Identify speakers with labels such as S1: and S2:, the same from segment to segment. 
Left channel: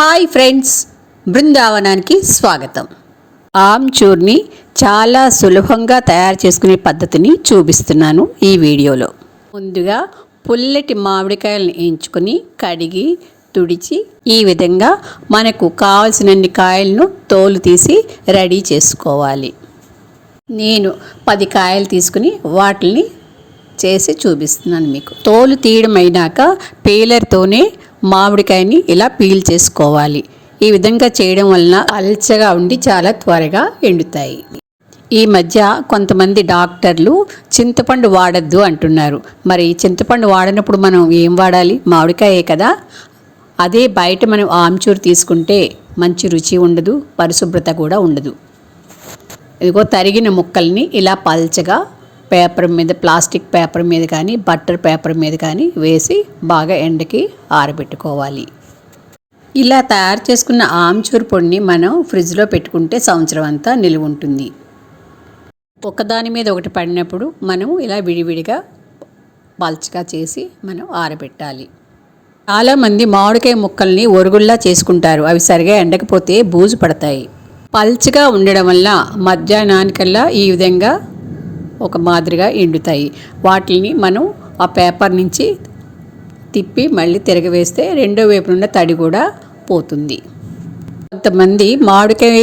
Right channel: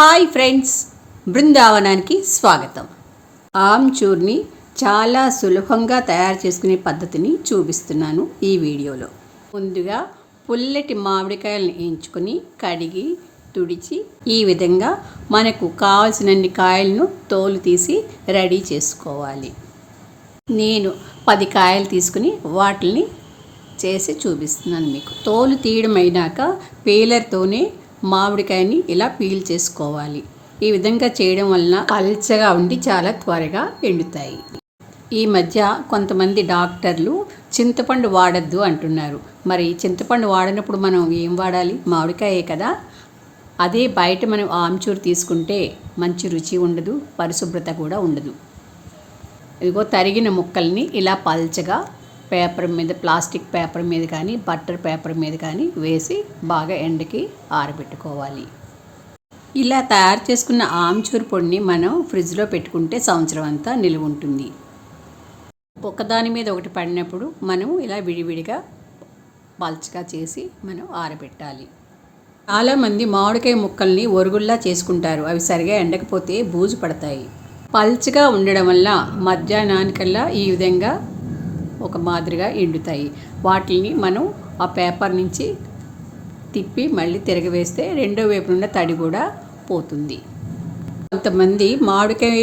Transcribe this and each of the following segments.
S1: Hi friends బృందావనానికి స్వాగతం. ఆమ్చూర్ని చాలా సులభంగా తయారు చేసుకునే పద్ధతిని చూపిస్తున్నాను ఈ వీడియోలో. ముందుగా పుల్లటి మామిడికాయలను ఎంచుకొని కడిగి తుడిచి ఈ విధంగా మనకు కావలసినన్ని కాయలను తోలు తీసి రెడీ చేసుకోవాలి. నేను పది కాయలు తీసుకుని వాటిని చేసి చూపిస్తున్నాను మీకు. తోలు తీయడం అయినాక పీలర్తోనే మామిడికాయని ఇలా పీల్ చేసుకోవాలి. ఈ విధంగా చేయడం వలన అల్చగా ఉండి చాలా త్వరగా ఎండుతాయి. ఈ మధ్య కొంతమంది డాక్టర్లు చింతపండు వాడద్దు అంటున్నారు. మరి చింతపండు వాడినప్పుడు మనం ఏం వాడాలి? మామిడికాయే కదా. అదే బయట మనం ఆమ్చూరు తీసుకుంటే మంచి రుచి ఉండదు పరిశుభ్రత కూడా ఉండదు. ఇదిగో తరిగిన ముక్కల్ని ఇలా పల్చగా పేపర్ మీద ప్లాస్టిక్ పేపర్ మీద కానీ బట్టర్ పేపర్ మీద కానీ వేసి బాగా ఎండకి ఆరబెట్టుకోవాలి. ఇలా తయారు చేసుకున్న ఆమ్చూర్ పొడిని మనం ఫ్రిడ్జ్లో పెట్టుకుంటే సంవత్సరం అంతా నిలువ ఉంటుంది. ఒకదాని మీద ఒకటి పడినప్పుడు మనం ఇలా విడివిడిగా పల్చగా చేసి మనం ఆరబెట్టాలి. చాలామంది మామిడికాయ ముక్కల్ని ఒరుగుల్లా చేసుకుంటారు. అవి సరిగా ఎండకపోతే బూజు పడతాయి. పల్చగా ఉండడం వల్ల మధ్యాహ్నానికల్లా ఈ విధంగా ఒక మాదిరిగా ఎండుతాయి. వాటిని మనం ఆ పేపర్ నుంచి తిప్పి మళ్ళీ తిరగవేస్తే రెండో వైపు నుండి తడి కూడా పోతుంది. కొంతమంది మామిడికాయ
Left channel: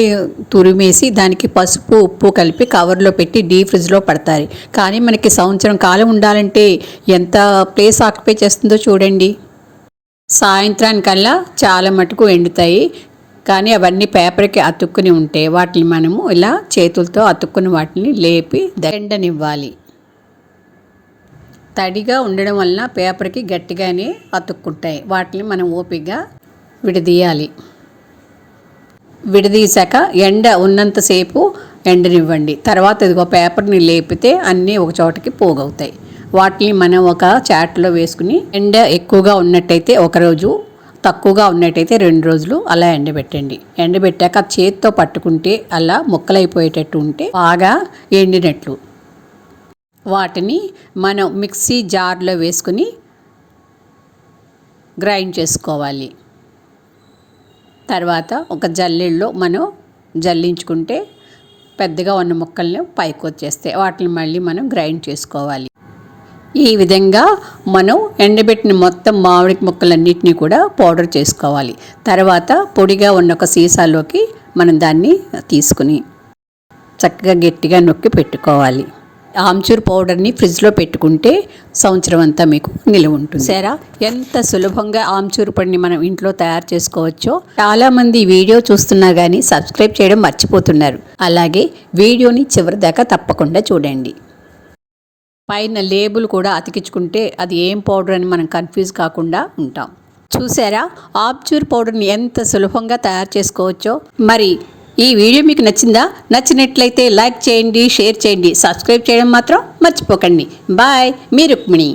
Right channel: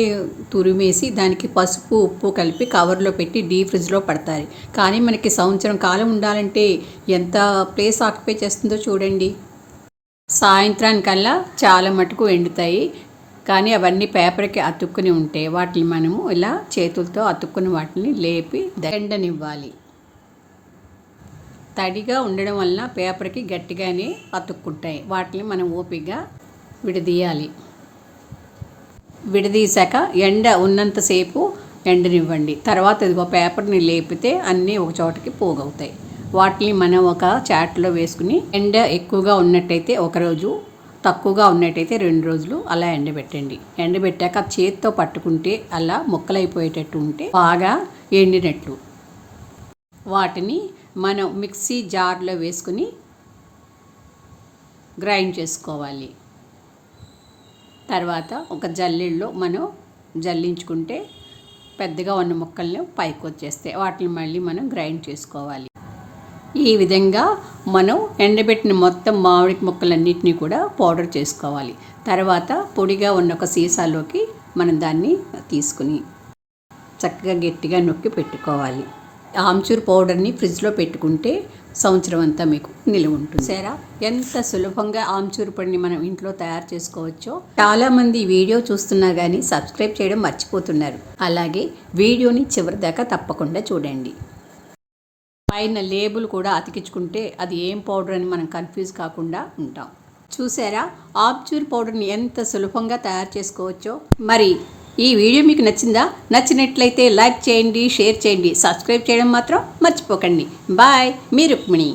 S1: తురిమేసి దానికి పసుపు ఉప్పు కలిపి కవర్లో పెట్టి డీ ఫ్రిడ్జ్లో పడతారు. కానీ మనకి సంవత్సరం కాలం ఉండాలంటే ఎంత ప్లేస్ ఆక్యుపై చేస్తుందో చూడండి. సాయంత్రానికల్లా చాలా మటుకు ఎండుతాయి. కానీ అవన్నీ పేపర్కి అతుక్కుని ఉంటే వాటిని మనము ఇలా చేతులతో అతుక్కుని వాటిని లేపి దండనివ్వాలి. తడిగా ఉండడం వలన పేపర్కి గట్టిగానే అతుక్కుంటాయి. వాటిని మనం ఓపికగా విడదీయాలి. విడదీశాక ఎండ ఉన్నంతసేపు ఎండనివ్వండి. తర్వాత ఇదిగో పేపర్ని లేపితే అన్నీ ఒక చోటకి పోగవుతాయి. వాటిని మనం ఒక చాట్లో వేసుకుని ఎండ ఎక్కువగా ఉన్నట్టయితే ఒకరోజు తక్కువగా ఉన్నట్టయితే రెండు రోజులు అలా ఎండబెట్టండి. ఎండబెట్టాక చేతితో పట్టుకుంటే అలా ముక్కలైపోయేటట్టు ఉంటే బాగా ఎండినట్లు. వాటిని మనం మిక్సీ జార్లో వేసుకుని గ్రైండ్ చేసుకోవాలి. తర్వాత ఒక జల్లెల్లో మనం జల్లించుకుంటే పెద్దగా ఉన్న ముక్కల్ని పైకి వచ్చేస్తాయి వాటిని మళ్ళీ మనం గ్రైండ్ చేసుకోవాలి. ఈ విధంగా మనం ఎండబెట్టిన మొత్తం మామిడి ముక్కలన్నిటినీ కూడా పౌడర్ చేసుకోవాలి. తర్వాత పొడిగా ఉన్న ఒక సీసాలోకి మనం దాన్ని తీసుకుని చక్కగా గట్టిగా నొక్కి పెట్టుకోవాలి. ఆమ్చూర్ పౌడర్ని ఫ్రిడ్జ్లో పెట్టుకుంటే సంవత్సరం అంతా మీకు నిలువ ఉంటుంది. సరే ఎంత సులభంగా ఆమ్చూర్ పొడిని మనం ఇంట్లో తయారు చేసుకోవచ్చో చాలామంది వీడియో చూస్తున్నా కానీ సబ్స్క్రైబ్ చేయడం మర్చిపోతున్నారు. అలాగే వీడియోని చివరి దాకా తప్పకుండా చూడండి. పైన లేబుల్ కూడా అతికించుకుంటే అది ఏం పౌడర్ అని మనం కన్ఫ్యూజ్ కాకుండా ఉంటాం. చూసారా? ఆబ్చూర్ పౌడర్ని ఎంత సులభంగా తయారు చేసుకోవచ్చో? మరి ఈ వీడియో మీకు నచ్చిందా? నచ్చినట్లయితే లైక్ చేయండి షేర్ చేయండి సబ్స్క్రైబ్ చేయడం మాత్రం మర్చిపోకండి. బాయ్ మీ రుక్మిణి.